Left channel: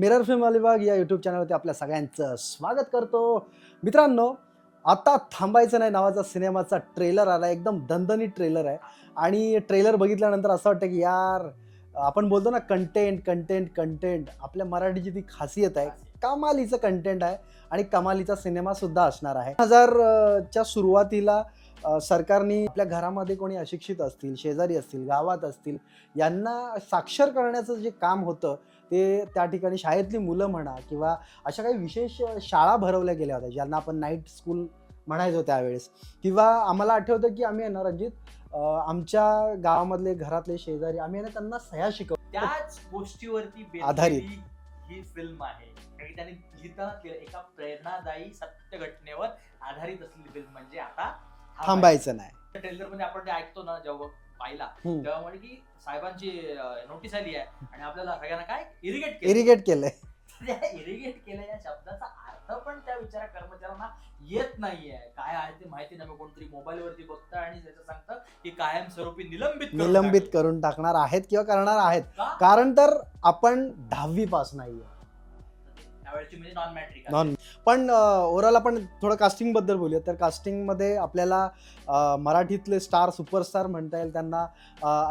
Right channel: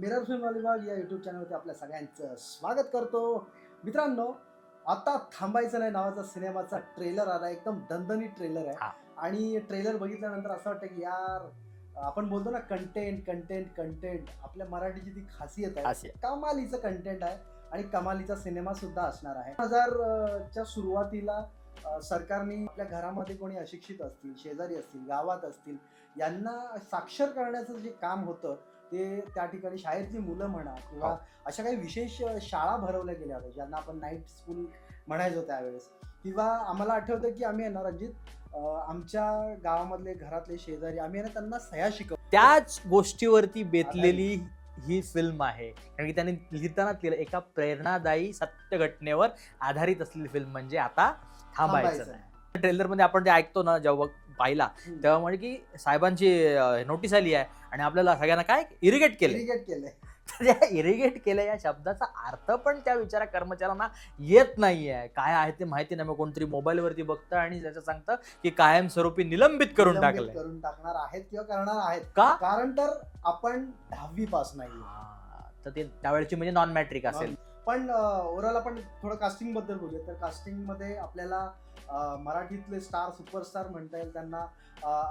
Mirror film Alibag या YouTube चॅनलवरती आपल्या सगळ्यांचं स्वागत करतो. मित्रांनो आता थांबायचं नाही. नावाचा सिनेमाचा ट्रेलर आला. एकदम दणदणीत ट्रेलर आहे. आणि ट्रेलर बघितल्यानंतर असं वाटतं की यार आपण बोलतो ना कंटेंट कंटेंट कंटेंट आपल्या मराठीची ती खासियत आहे. कमालीचं कंटेंट आहे. आणि कमालीचा सिनेमा सुद्धा असणार आहे. हजार च्या सुरुवातीला सरकारने आपल्या घरामध्ये कोणी अशिक्षित असतील शेजारी असतील गावात असतील यांना साक्षर करण्याचं जे काम होतं ते त्या ठिकाणी शाळेतली मुलं म्हणा किंवा अशा काही विशेष शाळा भरवल्या गेल्या होत्या ज्यांना आपण नाईट स्कूल म्हणायचो त्यावेळेस. किंवा आम्हाला आठवतं की आम्ही ना रणजित आमच्या गावामधले घरातले शेजारी आम्ही त्यांना सह्या शिकव त्याच गोष्टीवरती बेतलेली ही फिल्म आहे. कारण की त्याने लिहिताना लिहिलं एका प्रेरणादायी सत्य घटनेवर आधारित असलेली फिल्म म्हणजे आता थांबायचं नाही. ट्रेलरमध्ये आपण ते ऐकतो ना जेव्हा पाहिला. तेव्हा म्हणजे की साहेबांची नोटीस आली आहे आणि आपल्याला सगळ्यांना काय? इरिगेट केलं इरिगेट केलंय. इरिगेट केलं या शब्दाचा अर्थ पण त्या विचारा कर्मचाऱ्यांना येत नाहीये. काय आहे ते माहिती नाही. मग कोणतरी मोबाईल वरती बघतं आणि त्याचं सांगतं की कायमस्वरूपी निलंबित करून निलंबित. करून टाकणार आहेत किंवा करणार आहेत. का? कारण तर आपण दहावी पास नाही तर ते त्यावेळेची म्हणजे नॉन मॅट्रिक Non- पण ओव्हरऑल आपण थोडं कास्टिंगबद्दल बोलूया तर कास्टिंगमध्ये आपल्याला मराठीतले स्टार सुपरस्टार म्हणता येईल त्यांना.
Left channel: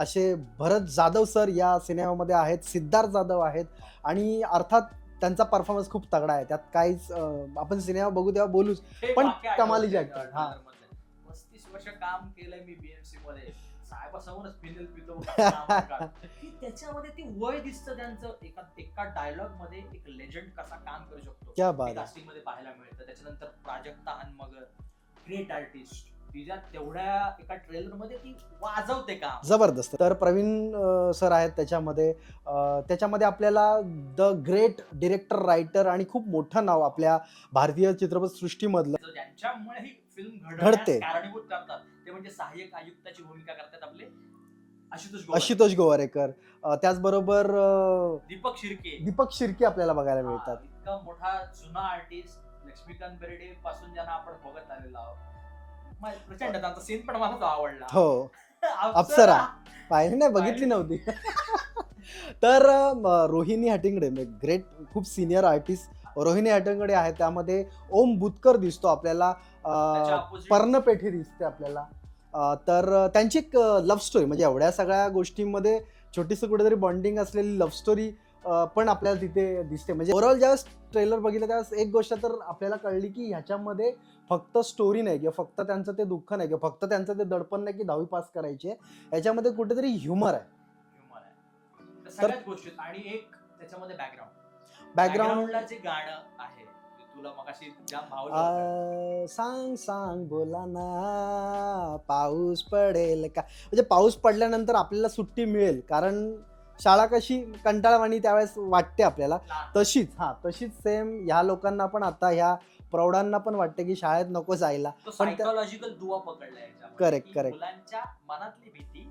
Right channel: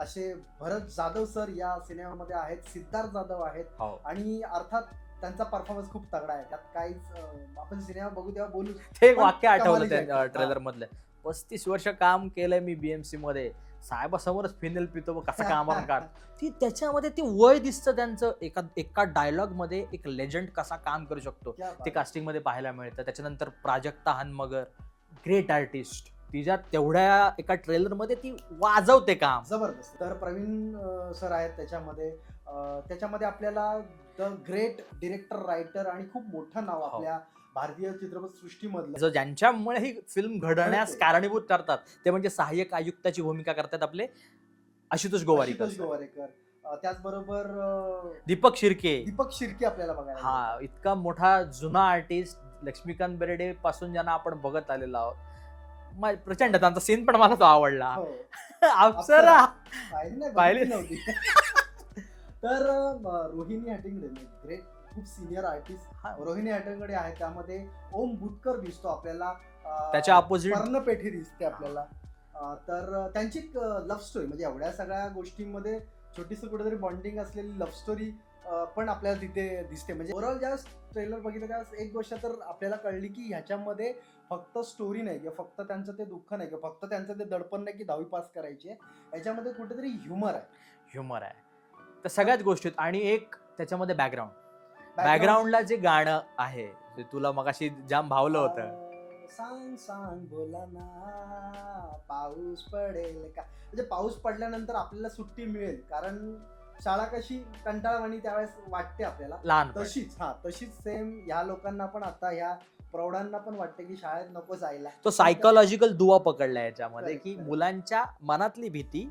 असे भरत जाधव सर या सिनेमामध्ये आहेत सिद्धार्थ जाधव आहेत. हो. आणि अर्थात त्यांचा परफॉर्मन्स खूप तगडा आहे. त्यात काहीच आपण सिनेमा बघू तेव्हा बोलू ते पण वाक्य आठवलं कमालीचं आहे. त्या ट्रेलर मधलं. पस्तीस वर्ष काम केलंय मी बीएमसी मध्ये. साहेबासमोरच फिनेल पितो मग कसं काढ. ती त्याच्यामध्ये ती वय दिसतं त्यांचं. एका एका डायलॉगमध्ये एक लेजंड कसा काम करू शकतो. ते कास्टिंगमध्ये पाहायला मिळतं. त्याच्यानंतर प्राजक्ता हनमगर ग्रेट आर्टिस्ट तिच्या तेवढ्या एका ट्रेलरमध्ये ती वाजवते काम. जबरदस्त. तर प्रवीण अ, सर आहेत त्याच्यामध्ये. अ, त्याच्यामध्ये आपल्याला द ग्रेट डिरेक्टर रायटर आणि खूप मोठं नाव आपल्या भारतीय चित्रपट सृष्टीमधलं. जो ज्यांच्यामुळे ही फिल्म घडण्यास घडते. कारणीभूत करतात ते म्हणजे सहाय्यक आयुक्ताची भूमिका करतात आपले आशुतोष गोवारी आशुतोष गोवारेकर. अ, त्याचबरोबर अ, दीपक शिर्के. दीपक शिर्के आपल्याला बघायला हा, मिळतात. इतका मोठा जुना आर्टिस्ट लक्ष्मीकांत बेर्डे पासून ज्यांना आपण बघत आलेलो आहोत. म- प्रचंड त्यांचा सीन पण मला तो आवडला. हो. अप्सरा. अप्सरा. पाहिली नाही पाहिली. बघितली नव्हती. तर अ, रोहिणी हटिंगडे ग्रेट खूप सिनियर आर्टिस्ट हा. रोहिणी हटिंगडे आहे त्यामध्ये ओम बुतकर दिसतो आपल्याला. अ, त्याच्या अपोजिट पर्णपेठी दिसते आपल्याला. अ, तर त्यांची एक लव्ह स्टोरी म्हणजे एवढ्या सगळ्या गोष्टींमध्ये छोटीशी कुठेतरी बॉन्डिंग असलेली लव्ह स्टोरी पण आपल्याला तिथे दिसते. म्हणजे ओव्हरऑल ज्यावेळेस ट्रेलर बघितलं त्यावेळेस एक गोष्ट तर आपल्याला कळली की ह्याच्यामध्ये फक्त स्टोरी नाही किंवा फक्त त्यांचं ते दुःख नाही किंवा फक्त त्यांचं ते दडपण नाही की दहावी पास करायची आहे. याच्यामध्ये कुठेतरी ह्युमर आहे. ह्युमर आहे. तर सगळ्याच गोष्टीत आणि एक त्याच्यामध्ये बॅकग्राऊंड बॅकग्राऊंडला जे गाणं आहे ते तुला मगाशी जाम भावलं होतं. सांग सांग बोला ना पाऊस पडेल का? म्हणजे पाऊस पडल्यानंतर आपल्याला सुट्टी मिळेल. कारण शाळा कशी कंटाळवाणी त्यावेळेस वाटते आपल्याला. लहान तशीच हा तशीच सेम ह्या लोकांना पण आता ह्या प्रौढांना पण वाटते की शाळेत नको जायला तो सायकोलॉजिकल दुवा पकडला याच्यामध्ये की. मुलांच्या मनातली भीती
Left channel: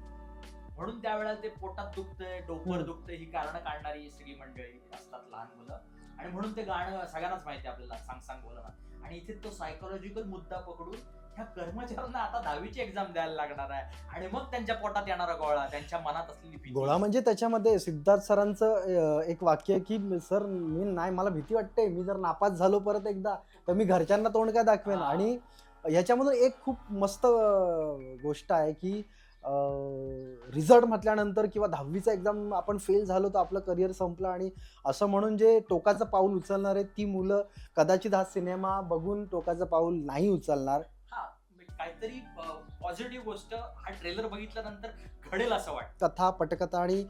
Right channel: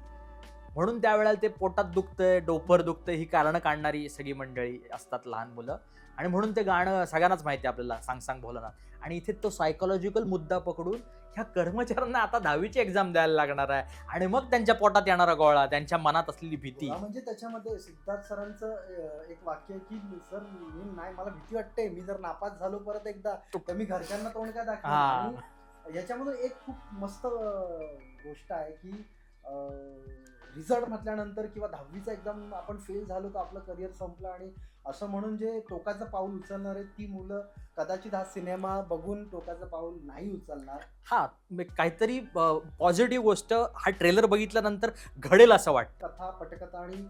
म्हणून त्यावेळेला ते पोटात दुखतंय डोपर. दुखतंय ही कारणं काढणारी सगळी मंडळी असतात लहान मुलं आणि म्हणून ते गाणं सगळ्यांनाच माहिती आपल्याला सांग सांग भोलानाथ आणि इथे तो सायकोलॉजिकल मुद्दा पकडून ह्या कर्मचाऱ्यांना आता दहावीची एक्झाम द्यायला लागणार आहे. आणि मग त्यांच्या पोटात येणारा गोळा त्यांच्या मनात असलेली भीती. गोळा म्हणजे त्याच्यामध्ये सिद्धार्थ सरांचं एक वाक्य आहे की सर मी नाही मला भीती वाटते. मी जर नापास झालो परत एकदा तर मी घरच्यांना तोंड काय दाखवेन? हा. आणि ह्याच्यामधून एक खूप मस्त गोष्ट आहे की रिझल्ट म्हटल्यानंतर किंवा दहावीचा एक्झाम आपण फेल झालो तर आपलं करिअर संपलं आणि असं म्हणून जे टोकाचं पाऊल उचलणार आहेत ती मुलं कदाचित हा सिनेमा बघून टोकाचं पाऊल नाही उचलणार. हा काहीतरी पॉझिटिव्ह गोष्ट हा ट्रेलर बघितल्यानंतर घडेल असं वाटतं. कथा पटकथा आणि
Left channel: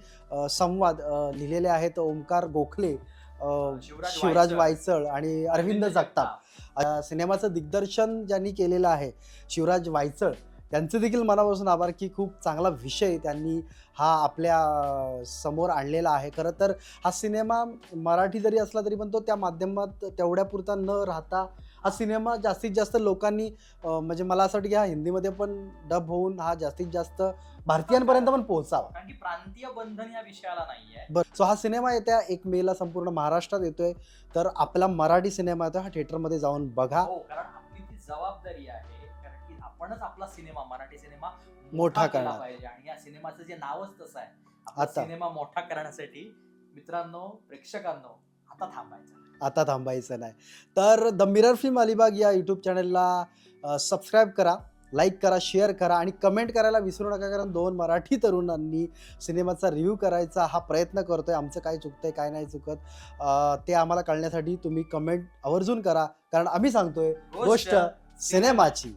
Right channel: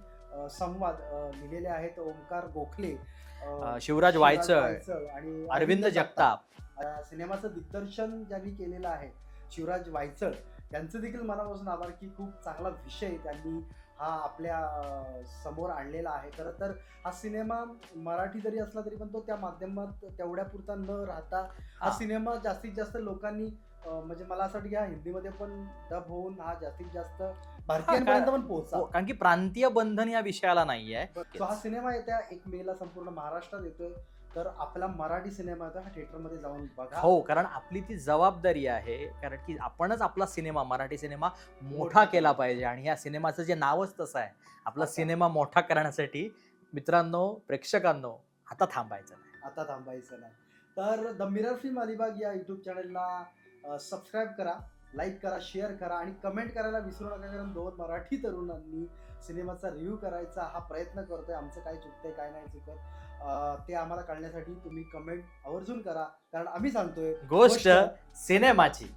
संवाद लिहिलेले आहेत ओंकार गोखले शिवराज शिवराज वायचळ, आणि अरविंद जगताप. सिनेमाचं दिग्दर्शन ज्यांनी केलेलं आहे शिवराज वायचळ त्यांचं देखील मनापासून आभार की खूप चांगला विषय त्यांनी हा आपल्यासमोर आणलेला आहे खरं तर हा सिनेमा मराठी जरी असला तरी पण तो त्या माध्यमात तेवढ्यापुरता न राहता हा. सिनेमा जास्तीत जास्त लोकांनी म्हणजे मला असं वाटतं की हा हिंदीमध्ये पण डब होऊन हा जास्तीत जास्त भारतीयांपर्यंत पण पोहोचावा. कारण की प्रांतीय बंधन या विषयाला नाहीये. बरं सो हा सिनेमा येत्या एक मेला संपूर्ण महाराष्ट्रात येतोय. तर आपला मराठी सिनेमा येतोय हा थिएटरमध्ये जाऊन बघा. हो कारण आपली ती जबाबदारी आहे कारण की आपणच आपला सिनेमा मराठी सिनेमा मोठा केला. पाहिजे. आणि या सिनेमाचं जे नावच तसं आहे आपला. सिनेमा मोठा करण्यासाठी मित्रांनो प्रेक्षकांनो आता थांबायचं नाही. आता थांबायचं नाही. तर द मिरर फिल्म अलिबाग या यूट्यूब चॅनलला सबस्क्राईब करा. लाईक करा शेअर करा आणि कमेंट करायला विसरू नका कारण दोन मराठी तरुणांनी सिनेमाचा रिव्ह्यू करायचा हा प्रयत्न करतोय. आमचं काय चुकतंय काय नाही चुकत ते आम्हाला कळण्यासाठी तुम्ही कमेंट आवर्जून करा कारण आम्ही सांगतोय गोष्ट सिनेमाची.